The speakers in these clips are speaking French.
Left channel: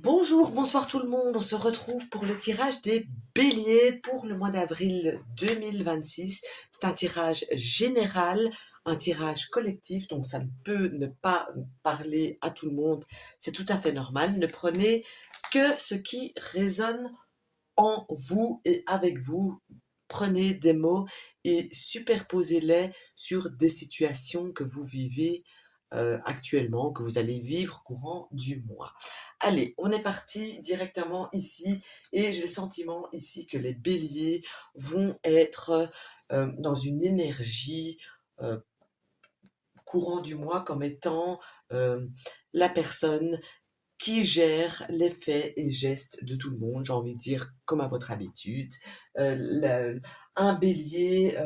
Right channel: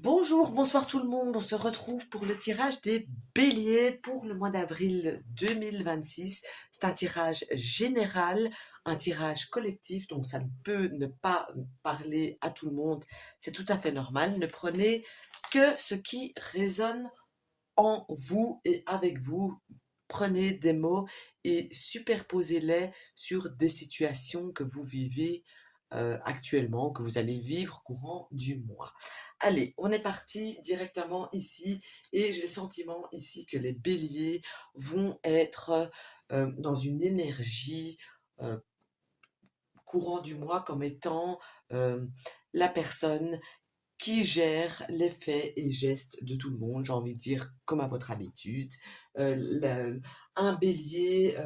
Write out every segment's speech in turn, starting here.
Bonjour, bonsoir tout le monde. On se retrouve pour le tirage des béliers pour le mois d'avril 2026. C'est un tirage général, un tirage collectif, donc ça ne peut ne pas parler à tout le monde. C'est tout à fait normal. Ne prenez que ce qui résonne en vous et avec vous. Prenez des mots et superposez-les sur des situations que vous vivez actuellement, que vous allez vivre courant du mois. Allez, on est parti directement ici et j'ai le sentiment ici que les béliers vont être dans une énergie euh, courant du mois comme étant euh, la personne qui gère les faits et gestes de tout le monde, j'ai envie de dire comme à votre habitude. Un bélier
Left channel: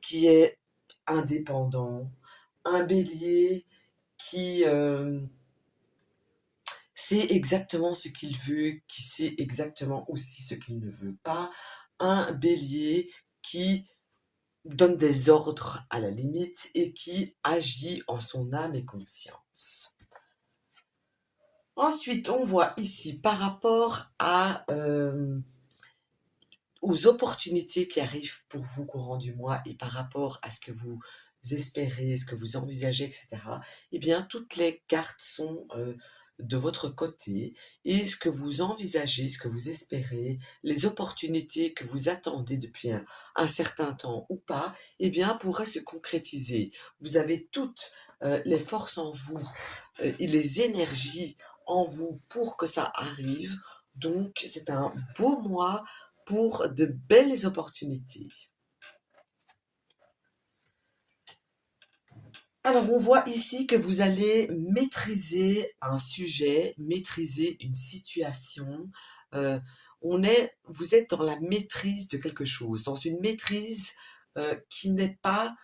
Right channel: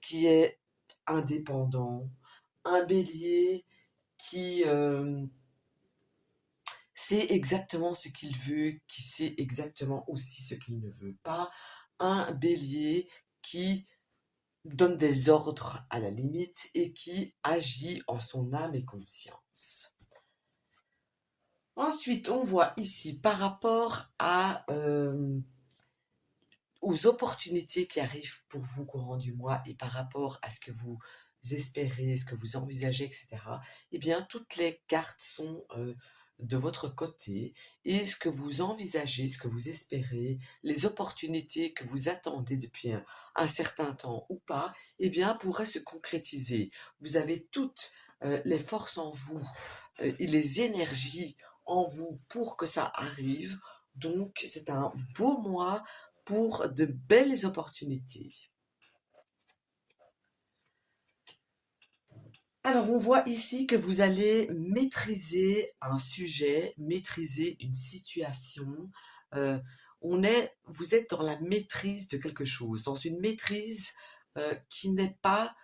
qui est indépendant, un bélier qui sait exactement ce qu'il veut, qui sait exactement aussi ce qu'il ne veut pas, un bélier qui donne des ordres à la limite et qui agit en son âme et conscience. Ensuite, on voit ici par rapport aux opportunités qui arrivent pour vous courant du mois et par rapport à ce que vous espérez, ce que vous envisagez, etc., eh bien, toutes les cartes sont de votre côté et ce que vous envisagez, ce que vous espérez, les opportunités que vous attendez depuis un certain temps ou pas, eh bien, pourraient se concrétiser. Vous avez toutes les forces en vous et les énergies en vous pour que ça arrive. Donc, c'est un beau mois pour de belles opportunités. Alors, on voit ici que vous allez maîtriser un sujet, maîtriser une situation. Euh, vous êtes dans la maîtrise de quelque chose, dans une maîtrise qui n'est pas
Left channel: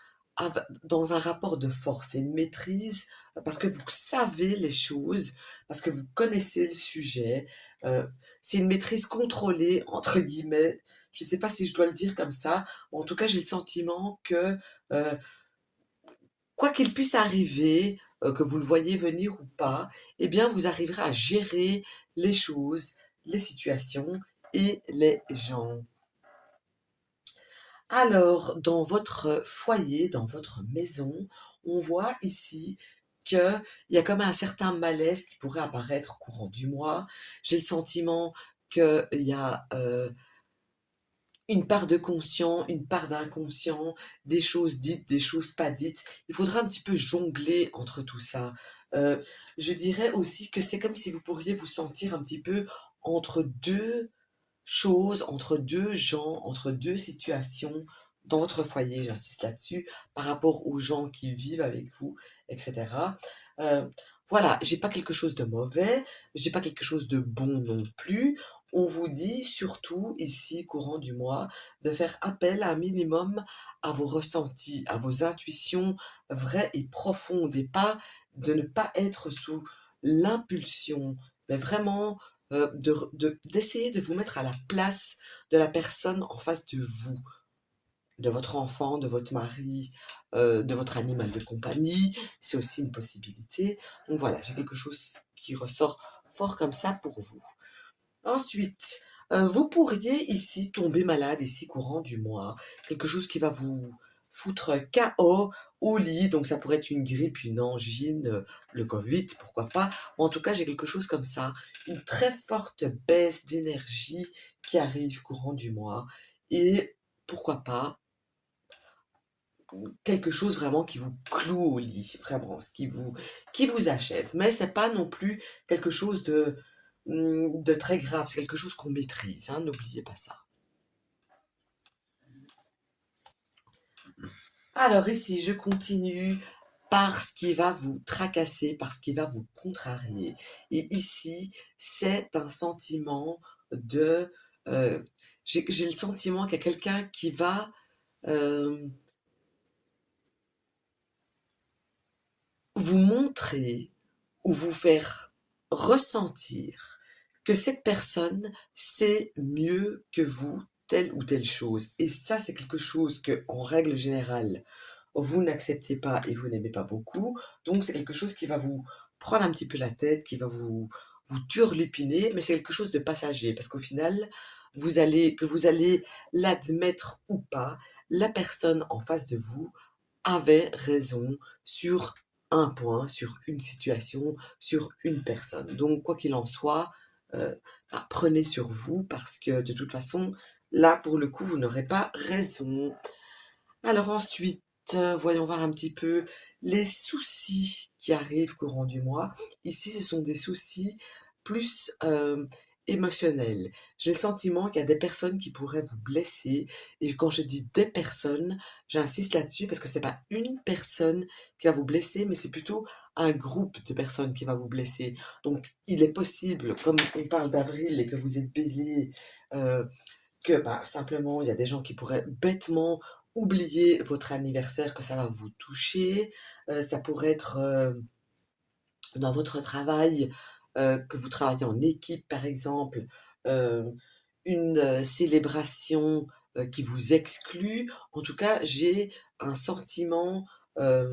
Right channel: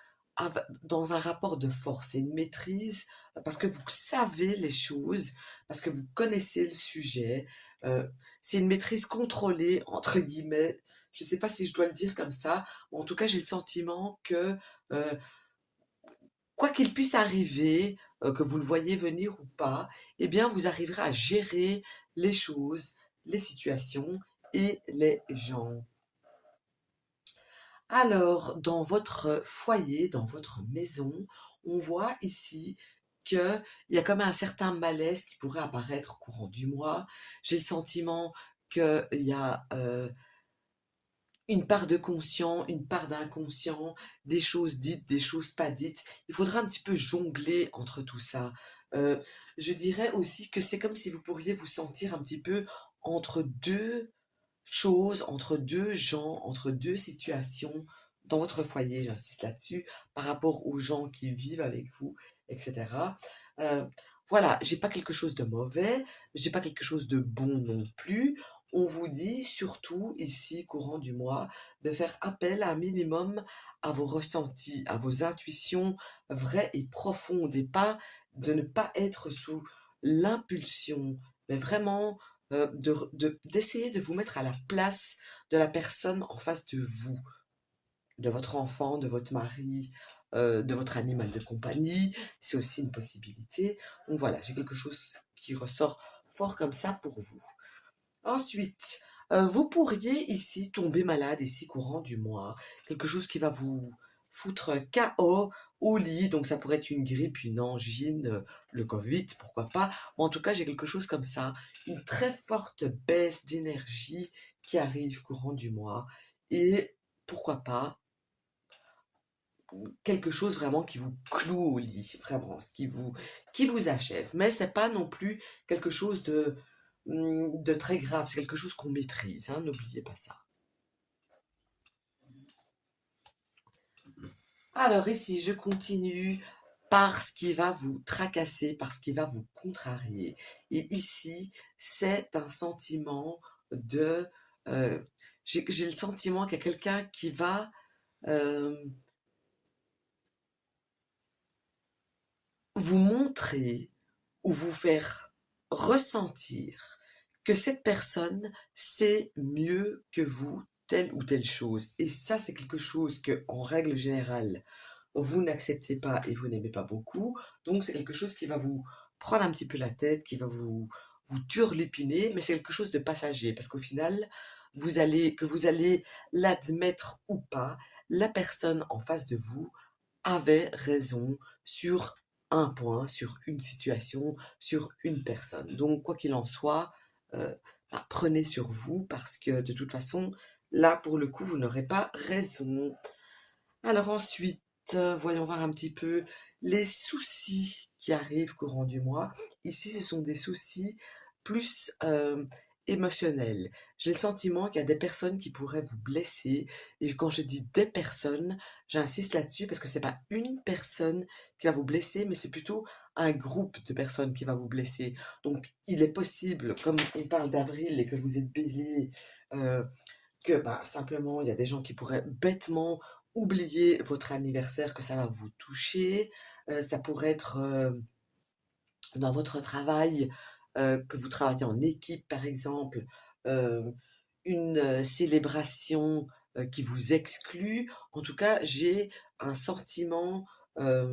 dans un rapport de force. C'est une maîtrise parce que vous savez les choses, parce que vous connaissez le sujet. Euh, c'est une maîtrise contrôlée, entre guillemets. Je ne sais pas si je dois le dire comme ça. En tout cas, j'ai le sentiment que euh, quoi qu'il puisse arriver, que vous le voyez venir ou pas, eh bien, vous arriverez à gérer les choses, les situations et les gens. Alors, dans votre foyer, dans votre maison, on voit ici qu'il y a comme un certain malaise qui pourrait apparaître au courant du mois. J'ai le sentiment qu'il y a une part de conscient, une part d'inconscient, des choses dites, des choses pas dites. Il faudra un petit peu jongler entre tout ça. Euh, je dirais aussi que c'est comme si vous pourriez vous sentir un petit peu entre deux choses, entre deux gens, entre deux situations dans votre foyer, j'insiste là-dessus, par rapport aux gens qui vivent avec vous, etc. Euh, voilà, j'ai pas quelque chose de mauvais, j'ai pas quelque chose de bon non plus. On vous dit surtout ici, courant du mois, de faire appel un minimum à vos ressentis, à vos intuitions vraies et profondes, et pas de ne pas être sous l'impulsion, mais vraiment d'essayer de vous mettre à la place de la personne en face de vous, de votre enfant, de votre mari, de votre animal de compagnie. C'est aussi une possibilité. Donc voilà, j'ai quelque chose qui ressort fort comme ça pour vous. Ensuite, vous pourriez ici tomber malade ici courant du mois, quelque chose qui va vous foutre KO au lit, donc ça pourrait être une grippe, une angine, le Covid, pourquoi pas. En tout cas, j'ai quelque chose comme ça, une très forte baisse d'énergie qui arrive courant du mois et pourquoi pas quelque chose vraiment qui vous cloue au lit, vraiment, qui vous achève. Mais c'est pas non plus quelque chose de très grave, c'est quelque chose qu'on maîtrise, hein, n'oubliez pas ça. Alors ici, je continue par ce qui va vous tracasser, par ce qui va vous contrarier. Et ici, c'est un sentiment de... euh, j'ai le sentiment qu'il y a quelqu'un qui va euh, vous montrer ou vous faire ressentir que cette personne sait mieux que vous telle ou telle chose. Et ça, c'est quelque chose que, en règle générale, vous n'acceptez pas et vous n'aimez pas beaucoup. Donc, c'est quelque chose qui va vous prendre un petit peu la tête, qui va vous turlupiner, mais c'est quelque chose de passager parce qu'au final, que vous allez l'admettre ou pas, la personne en face de vous avait raison sur un point, sur une situation, sur une personne. Donc, quoi qu'il en soit, prenez sur vous parce que de toute façon, là, pour le coup, vous n'aurez pas raison. Alors ensuite, voyons voir un petit peu les soucis qui arrivent courant du mois. Ici, ce sont des soucis plus émotionnels. J'ai le sentiment qu'il y a des personnes qui pourraient vous blesser. Et quand je dis des personnes, j'insiste là-dessus parce que c'est pas une personne qui va vous blesser, mais c'est plutôt un groupe de personnes qui va vous blesser. Donc, il est possible, comme on parle d'avril et que vous êtes bélier, euh, que simplement il y a des gens qui pourraient bêtement oublier votre anniversaire, que ça va vous toucher. Ça pourrait être dans votre travail, que vous travaillez en équipe par exemple, euh, une célébration qui vous exclut. En tout cas, j'ai un sentiment euh,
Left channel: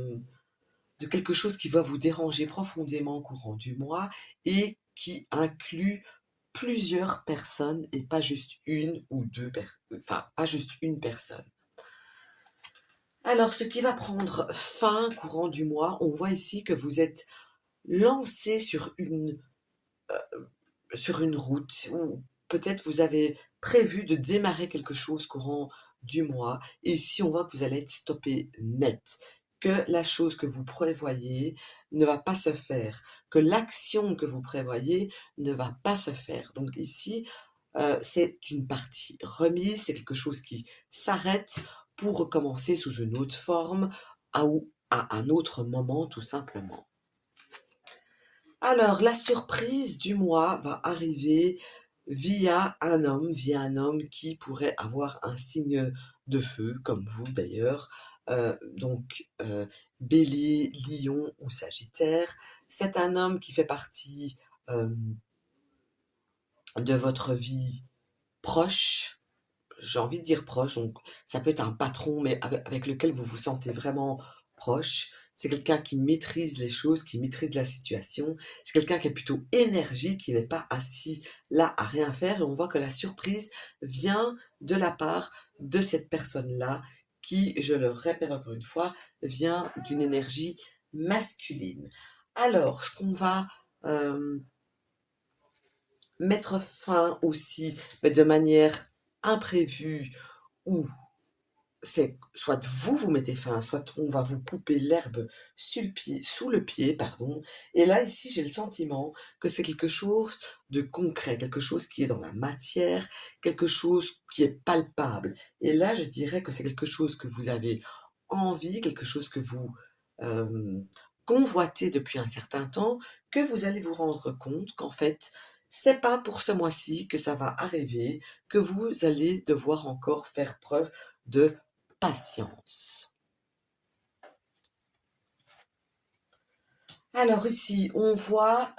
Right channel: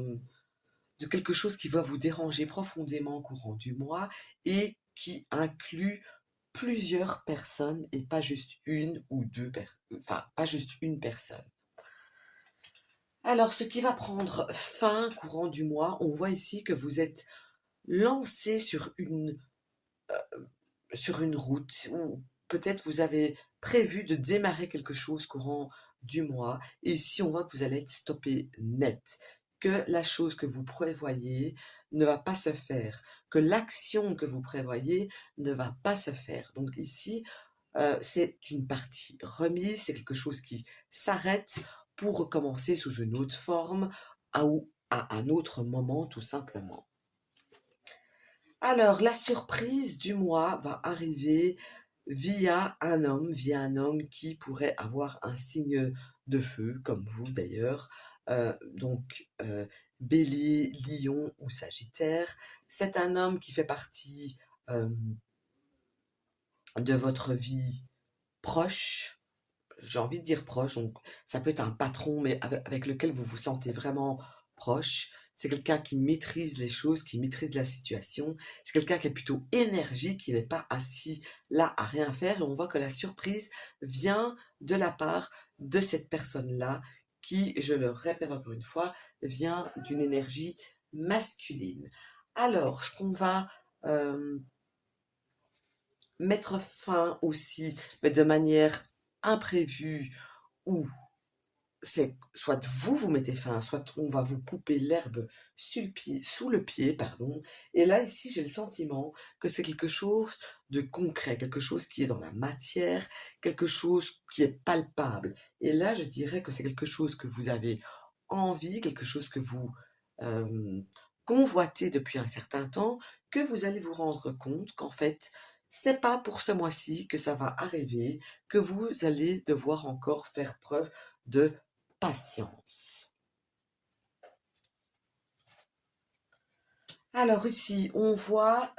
de quelque chose qui va vous déranger profondément au courant du mois et qui inclut plusieurs personnes et pas juste une ou deux personnes, enfin pas juste une personne. Alors, ce qui va prendre fin courant du mois, on voit ici que vous êtes lancé sur une route ou peut-être vous avez prévu de démarrer quelque chose courant du mois et ici on voit que vous allez être stoppé net, que la chose que vous prévoyez ne va pas se faire, que l'action que vous prévoyez ne va pas se faire. Donc ici, c'est une partie remise, c'est quelque chose qui s'arrête pour recommencer sous une autre forme ou à un autre moment tout simplement. Alors, la surprise du mois va arriver via un homme qui pourrait avoir un signe de feu, comme vous d'ailleurs, donc Bélier, Lion ou Sagittaire. C'est un homme qui fait partie euh, de votre vie proche, j'ai envie de dire proche, donc ça peut être un patron, mais avec lequel vous vous sentez vraiment proche. C'est quelqu'un qui maîtrise les choses, qui maîtrise la situation. C'est quelqu'un qui est plutôt énergique, qui n'est pas assis là à rien faire. Et on voit que la surprise vient de la part de cette personne-là, qui, je le répète encore une fois, vient d'une énergie masculine. Alors, ce qu'on va euh, mettre fin aussi, mais de manière imprévue, ou c'est soit vous vous mettez fin, soit on va vous couper l'herbe sous le pied, pardon. Et là, ici, j'ai le sentiment que c'est quelque chose de concret, quelque chose qui est dans la matière, quelque chose qui est palpable. Et là, je dirais que c'est quelque chose que vous avez envie, quelque chose que vous euh, convoitez depuis un certain temps, que vous allez vous rendre compte qu'en fait, c'est pas pour ce mois-ci que ça va arriver, que vous allez devoir encore faire preuve de patience. Alors ici, on voit,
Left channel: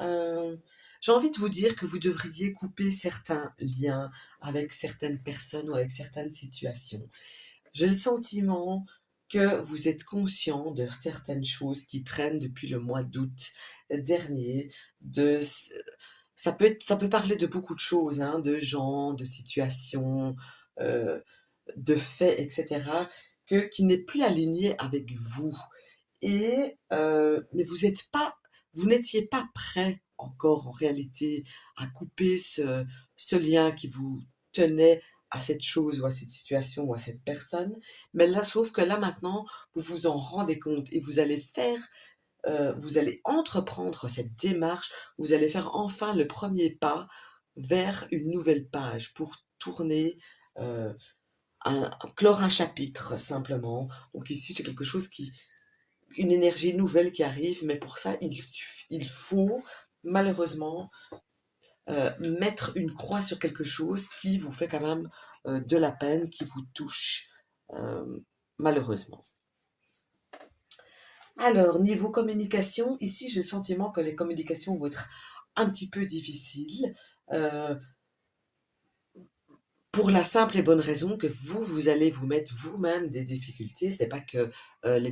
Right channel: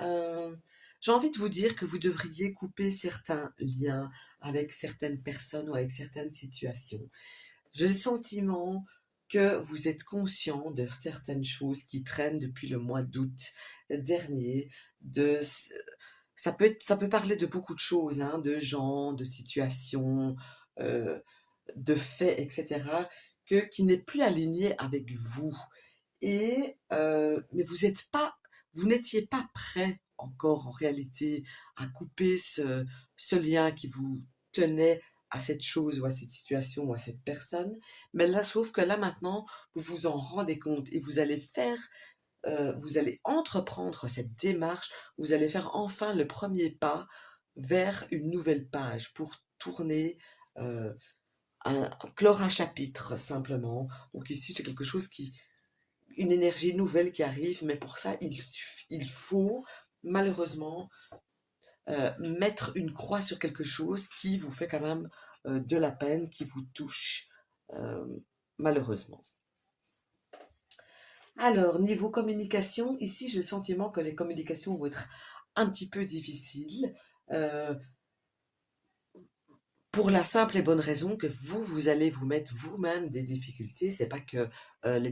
j'ai envie de vous dire que vous devriez couper certains liens avec certaines personnes ou avec certaines situations. J'ai le sentiment que vous êtes conscient de certaines choses qui traînent depuis le mois d'août dernier. De, ça peut parler de beaucoup de choses, hein, de gens, de situations, euh, de faits, etc., qui n'est plus aligné avec vous. Mais vous n'étiez pas prêt encore en réalité à couper ce lien qui vous tenait à cette chose ou à cette situation ou à cette personne. Mais là, sauf que là maintenant, vous vous en rendez compte et vous allez entreprendre cette démarche, vous allez faire enfin le premier pas vers une nouvelle page pour tourner, euh, clore un chapitre simplement. Donc ici, c'est quelque chose une énergie nouvelle qui arrive, mais pour ça, il faut malheureusement mettre une croix sur quelque chose qui vous fait quand même de la peine, qui vous touche, euh, malheureusement. Alors, niveau communication, ici, j'ai le sentiment que les communications vont être un petit peu difficiles. Euh, Pour la simple et bonne raison que vous allez vous mettre vous-même des difficultés. C'est pas que les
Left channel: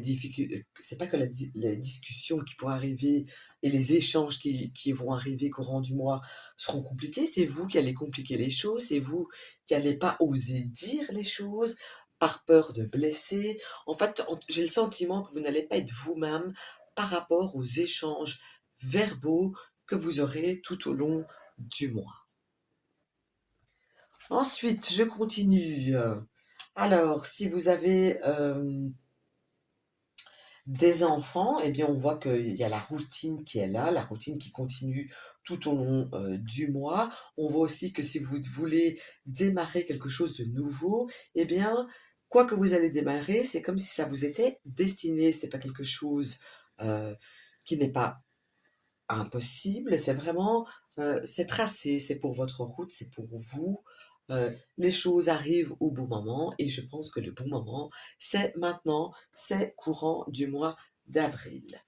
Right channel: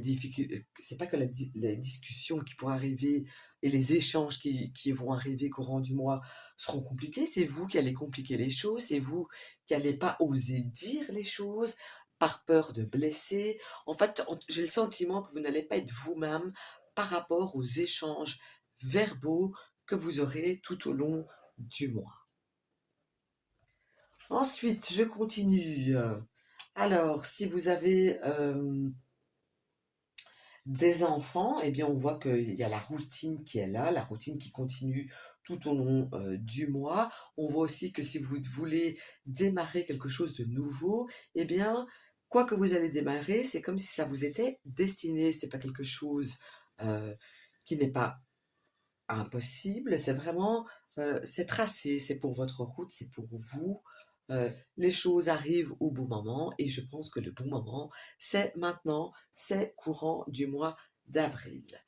discussions qui pourraient arriver et les échanges qui vont arriver courant du mois seront compliqués, c'est vous qui allez compliquer les choses, c'est vous qui allez pas oser dire les choses par peur de blesser. En fait, j'ai le sentiment que vous n'allez pas être vous-même par rapport aux échanges verbaux que vous aurez tout au long du mois. Ensuite, je continue. Alors, si vous avez des enfants, eh bien, on voit qu'il y a la routine qui est là, la routine qui continue tout au long du mois. On voit aussi que si vous voulez démarrer quelque chose de nouveau, eh bien, quoi que vous allez démarrer, c'est comme si ça vous était destiné. C'est pas quelque chose euh, qui n'est pas impossible, c'est vraiment, c'est tracé, c'est pour votre route, c'est pour vous. Les choses arrivent au bon moment et je pense que le bon moment, c'est maintenant, c'est courant du mois d'avril.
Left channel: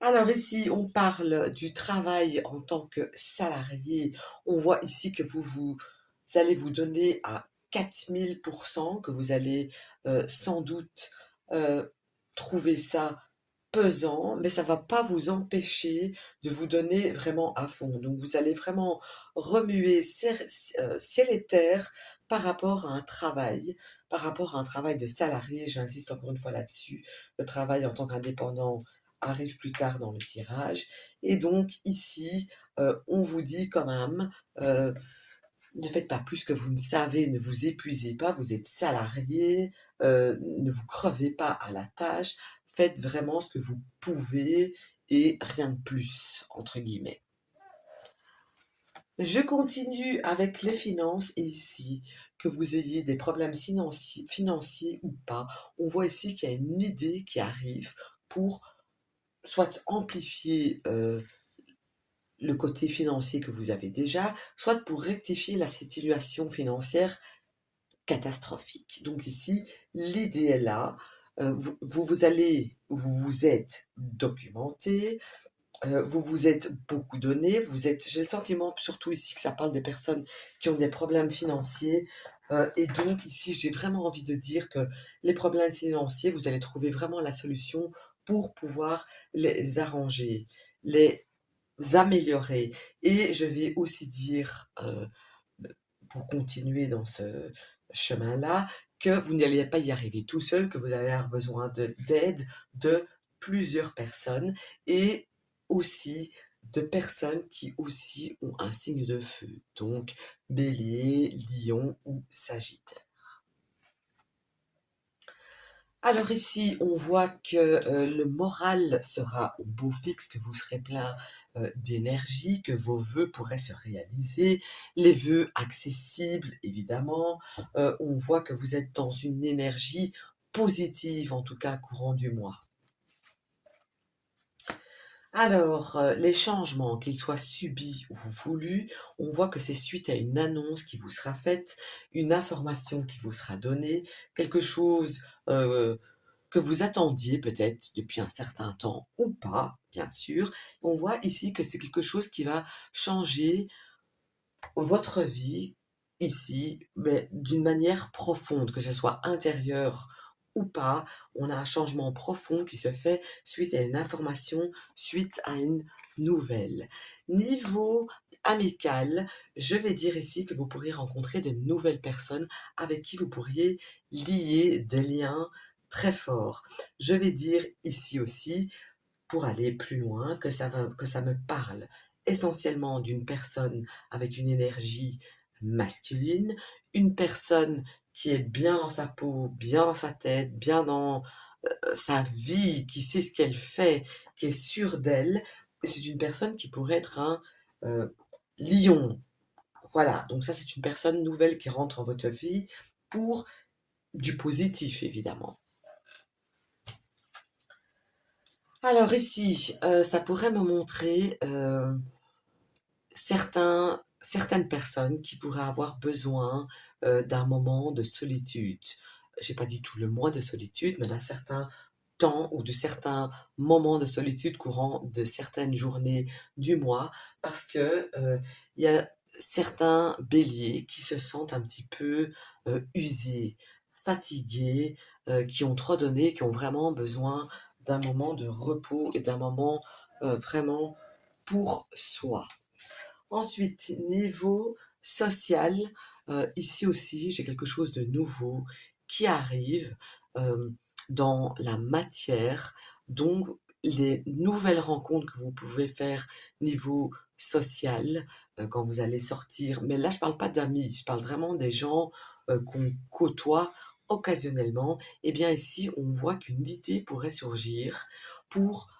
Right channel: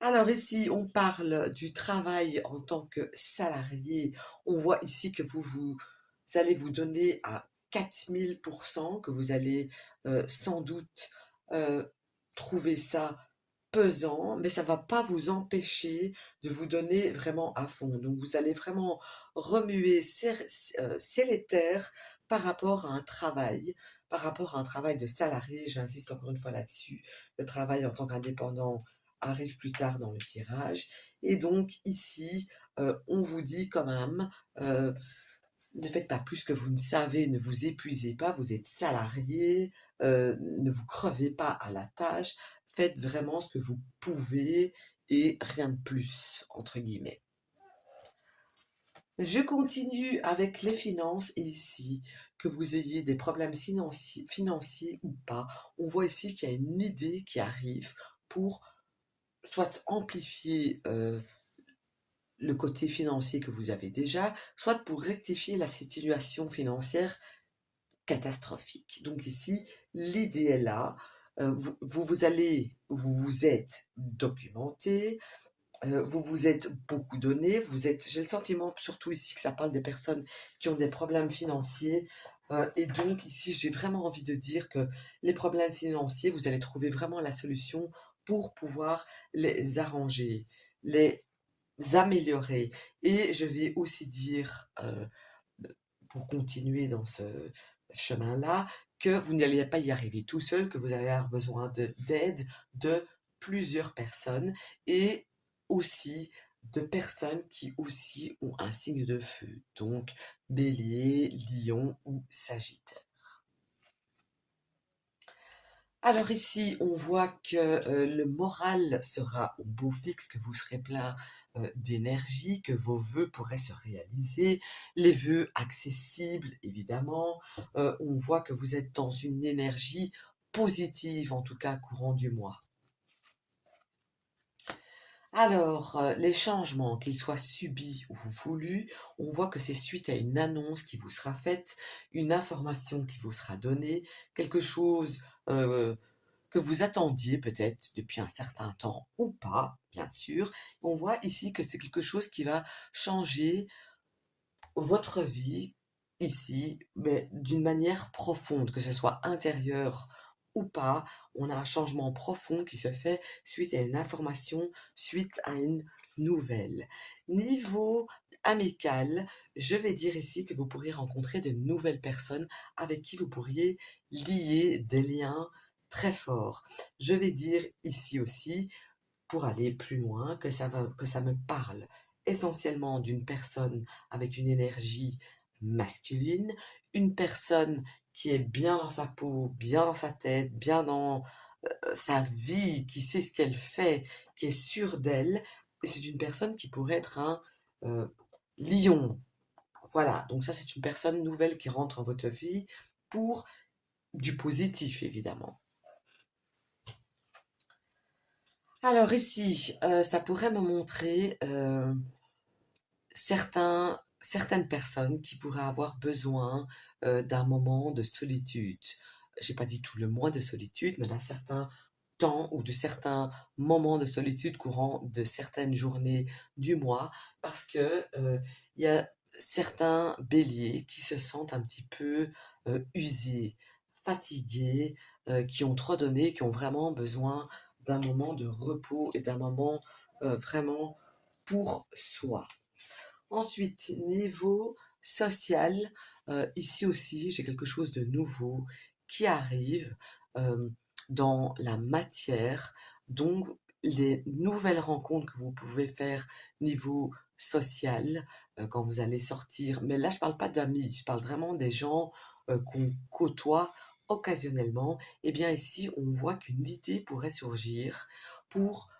Alors ici, on parle du travail en tant que salarié. On voit ici que vous allez vous donner à 4000%, que vous allez sans doute euh, trouver ça pesant, mais ça va pas vous empêcher de vous donner vraiment à fond. Donc vous allez vraiment remuer ciel et terre par rapport à un travail, par rapport à un travail de salarié. J'insiste encore une fois là-dessus. Le travail en tant qu'indépendant arrive plus tard dans le tirage. Et donc ici, on vous dit quand même, euh, ne faites pas plus que vous ne savez, ne vous épuisez pas, vous êtes salarié, ne vous crevez pas à la tâche, faites vraiment ce que vous pouvez et rien de plus, entre guillemets. Je continue avec les finances et ici, que vous ayez des problèmes financiers ou pas, on voit ici qu'il y a une idée qui arrive pour soit amplifier le côté financier que vous avez déjà, soit pour rectifier la situation financière catastrophique. Donc ici, l'idée est là. Vous vous êtes documenté, vous vous êtes beaucoup donné, j'ai le sentiment surtout ici que ça parle des personnes qui ont des problèmes financiers. Et donc ici, j'ai vraiment envie de dire que les problèmes financiers, vous allez trouver vraiment la solution pour pouvoir les arranger, les améliorer. Et je vais aussi dire, pour continuer dans ce chemin-là, que vous n'allez pas y arriver tout seul, que vous allez avoir besoin d'aide de plusieurs personnes et aussi de personnes qui aussi ont un signe de feu, donc bélier, lion ou sagittaire. Alors ici, on voit que le moral sera au beau fixe, que vous serez plein d'énergie, que vos vœux pourraient se réaliser, les vœux accessibles, évidemment. On voit que vous êtes dans une énergie positive, en tout cas courant du mois. Alors, les changements, qu'ils soient subis ou voulus, on voit que c'est suite à une annonce qui vous sera faite, une information qui vous sera donnée, quelque chose que vous attendiez peut-être depuis un certain temps ou pas, bien sûr. On voit ici que c'est quelque chose qui va changer votre vie ici, mais d'une manière profonde, que ce soit intérieure ou pas. On a un changement profond qui se fait suite à une information, suite à une nouvelle. Niveau amical, je vais dire ici que vous pourriez rencontrer de nouvelles personnes avec qui vous pourriez lier des liens très forts. Je vais dire ici aussi, pour aller plus loin, que ça me parle essentiellement d'une personne avec une énergie masculine, une personne qui est bien dans sa peau, bien dans sa tête, bien dans sa vie, qui sait ce qu'elle fait, qui est sûre d'elle. Et c'est une personne qui pourrait être un euh, lion. Voilà, donc ça c'est une personne nouvelle qui rentre en votre vie pour du positif évidemment. Alors ici, ça pourrait me montrer certaines personnes qui pourraient avoir besoin d'un moment de solitude. J'ai pas dit tout le mois de solitude, mais d'un certain temps ou de certains moments de solitude courant de certaines journées du mois, parce que il y a certains béliers qui se sentent un petit peu usés, fatigués, qui ont trop donné, qui ont vraiment besoin d'un moment de repos et d'un moment vraiment pour soi. Ensuite, niveau social, ici aussi, j'ai quelque chose de nouveau qui arrive dans la matière. Donc, les nouvelles rencontres que vous pouvez faire niveau social quand vous allez sortir. Mais là, je parle pas d'amis, je parle vraiment des gens qu'on côtoie occasionnellement. Eh bien, ici, on voit qu'une idée pourrait surgir pour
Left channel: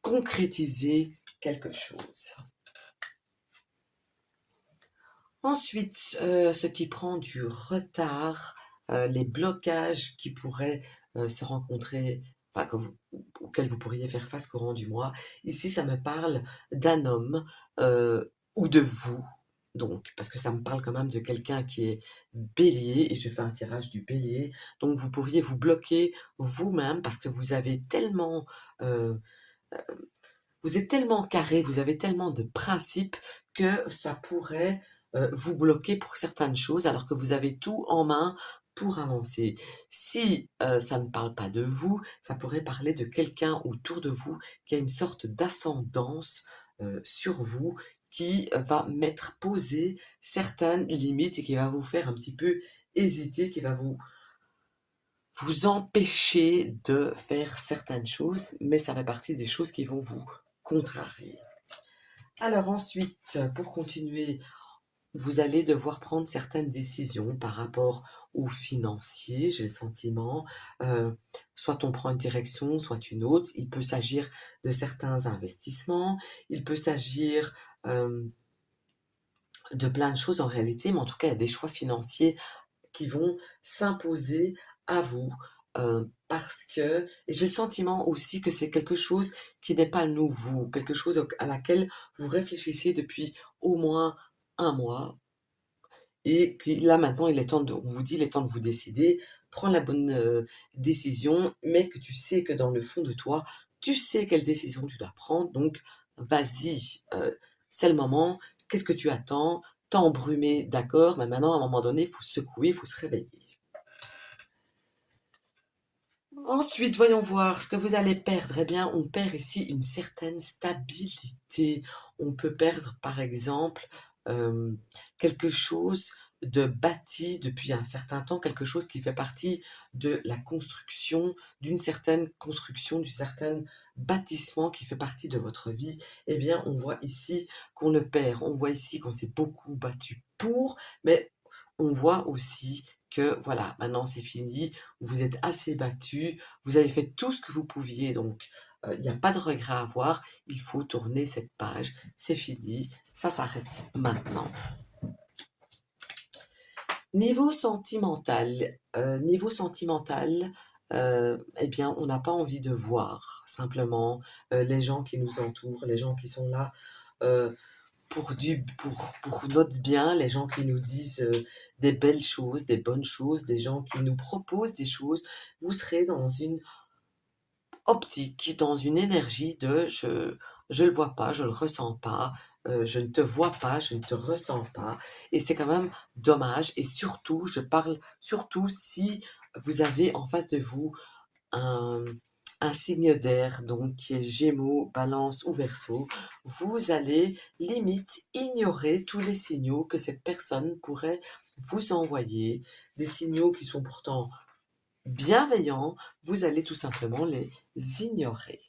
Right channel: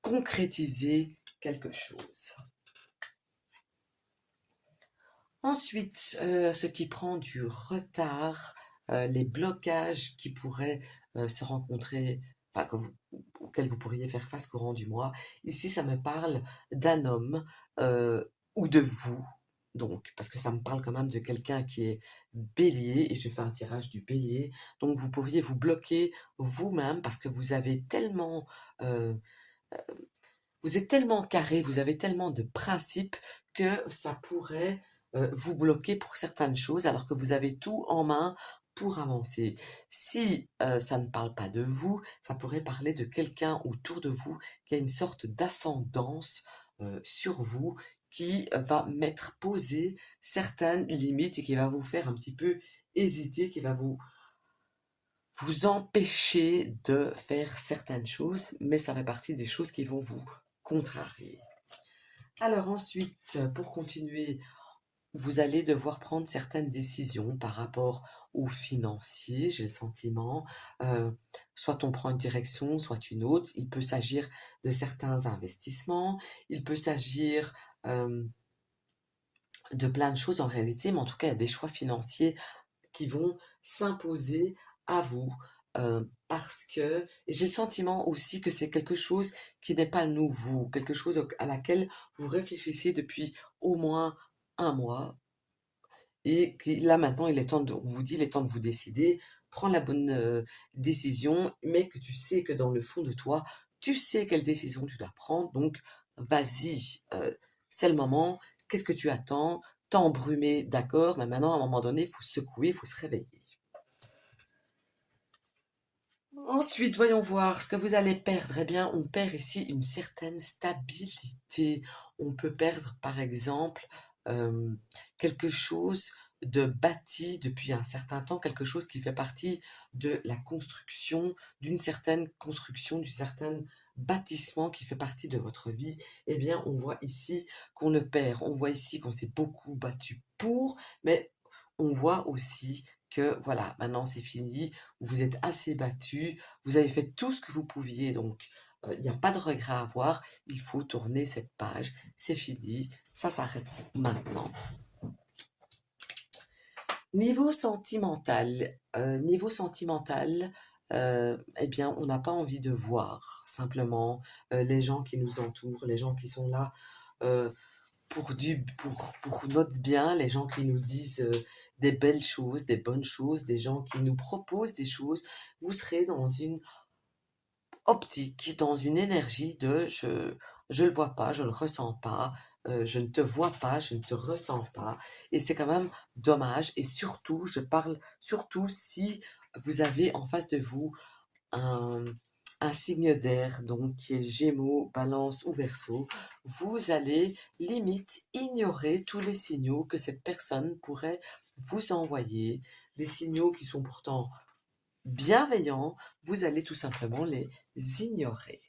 concrétiser quelque chose. Ensuite, ce qui prend du retard, les blocages qui pourraient se rencontrer, enfin, auxquels vous pourriez faire face courant du mois. Ici, ça me parle d'un homme ou de vous, donc, parce que ça me parle quand même de quelqu'un qui est bélier, et je fais un tirage du bélier. Donc, vous pourriez vous bloquer vous-même parce que euh, vous êtes tellement carré, vous avez tellement de principes que ça pourrait vous bloquer pour certaines choses alors que vous avez tout en main pour avancer. Si ça ne parle pas de vous, ça pourrait parler de quelqu'un autour de vous qui a une sorte d'ascendance sur vous, qui va mettre poser certaines limites et qui va vous faire un petit peu hésiter, qui va vous empêcher de faire certaines choses, mais ça fait partie des choses qui vont vous contrarier. Alors ensuite, pour continuer, vous allez devoir prendre certaines décisions par rapport aux financiers, j'ai le sentiment. Euh, Soit on prend une direction, soit une autre. Il peut s'agir de certains investissements, il peut s'agir de plein de choses en réalité, mais en tout cas, il y a des choix financiers qui vont s'imposer à vous. Parce que j'ai le sentiment aussi que c'est quelque chose qui n'est pas nouveau, quelque chose à laquelle vous réfléchissez depuis au moins un mois, et que là maintenant on vous dit il est temps de vous décider, prends la bonne décision, mais que tu sais que dans le fond de toi, tu sais quelle décision tu dois prendre, donc vas-y, c'est le moment, qu'est-ce que tu attends, t'as embrumé, d'accord, mais maintenant à un moment donné, il faut se secouer, il faut se réveiller. Ensuite, voyons voir ce que vous allez perdre. Eh bien, on perd ici une certaine stabilité. On peut perdre, par exemple, euh, quelque chose de bâti depuis un certain temps, quelque chose qui fait partie de la construction, d'une certaine construction, d'un certain bâtissement qui fait partie de votre vie. Eh bien, on voit ici qu'on le perd. On voit ici qu'on s'est beaucoup battu pour, mais on voit aussi que voilà, maintenant c'est fini, vous êtes assez battu, vous avez fait tout ce que vous pouviez, donc il n'y a pas de regret à avoir, il faut tourner cette page, c'est fini, ça s'arrête maintenant. Niveau sentimental, eh bien, on n'a pas envie de voir simplement les gens qui nous entourent, les gens qui sont là euh, pour notre bien, les gens qui nous disent des belles choses, des bonnes choses, des gens qui nous proposent des choses. Vous serez dans une optique, dans une énergie de je le vois pas, je le ressens pas, je ne te vois pas, je ne te ressens pas, et c'est quand même dommage. Et surtout, je parle surtout si vous avez en face de vous un, un signe d'air, donc qui est Gémeaux, Balance ou Verseau, vous allez limite ignorer tous les signaux que cette personne pourrait vous envoyer, des signaux qui sont pourtant bienveillants, vous allez tout simplement les ignorer.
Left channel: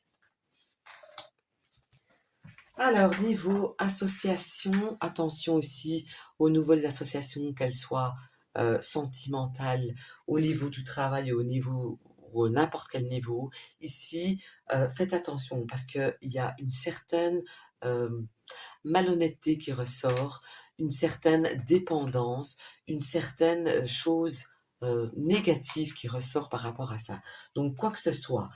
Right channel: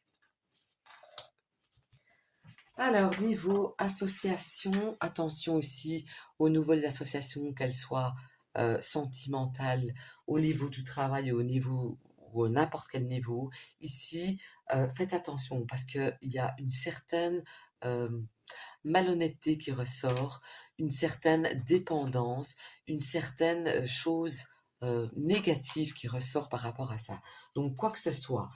Alors, niveau association, attention aussi aux nouvelles associations, qu'elles soient sentimentales, au niveau du travail, au niveau ou n'importe quel niveau. Ici, faites attention parce qu'il y a une certaine euh, malhonnêteté qui ressort, une certaine dépendance, une certaine chose négative qui ressort par rapport à ça. Donc, quoi que ce soit,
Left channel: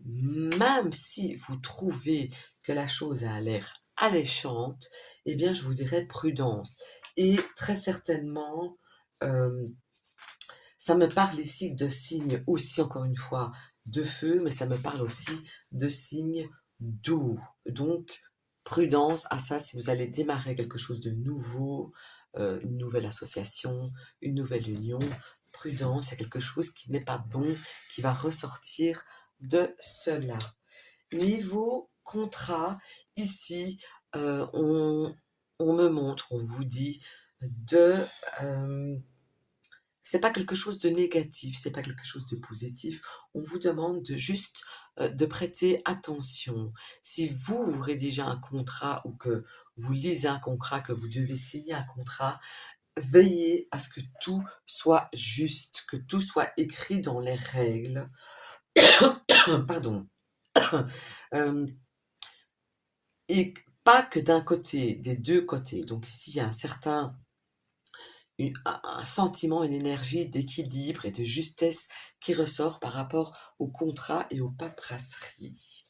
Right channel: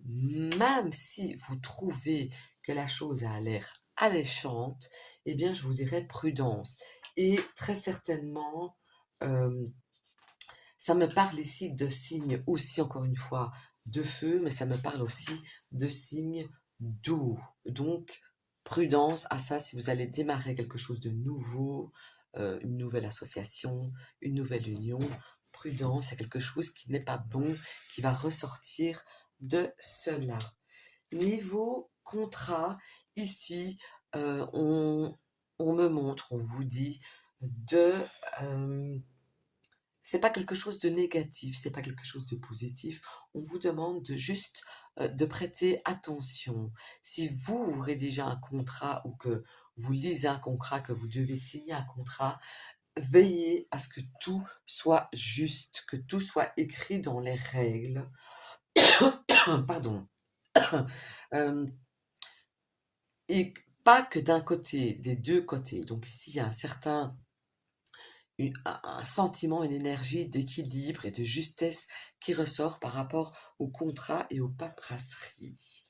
même si vous trouvez que la chose a l'air alléchante, eh bien, je vous dirais prudence. Et très certainement, euh, ça me parle ici de signes aussi, encore une fois, de feu, mais ça me parle aussi de signes d'eau. Donc, Prudence à ça si vous allez démarrer quelque chose de nouveau, une nouvelle association, une nouvelle union. Prudence, c'est quelque chose qui n'est pas bon, qui va ressortir de cela. Niveau contrat, ici, on me montre, on vous dit de... c'est pas quelque chose de négatif, c'est pas quelque chose de positif. On vous demande de juste de prêter attention. Si vous rédigez un contrat ou que vous lisez un contrat, que vous devez signer un contrat, veillez à ce que tout soit juste, que tout soit écrit dans les règles. Pardon. Euh, et pas que d'un côté, des deux côtés. Donc ici, il y a un sentiment, une énergie d'équilibre et de justesse qui ressort par rapport au contrat et aux paperasseries.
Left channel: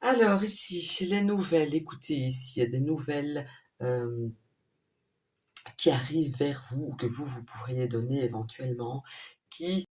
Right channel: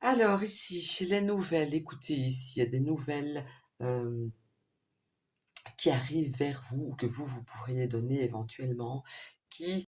Alors ici, les nouvelles, écoutez, ici, il y a des nouvelles qui arrivent vers vous ou que vous pourriez donner éventuellement, qui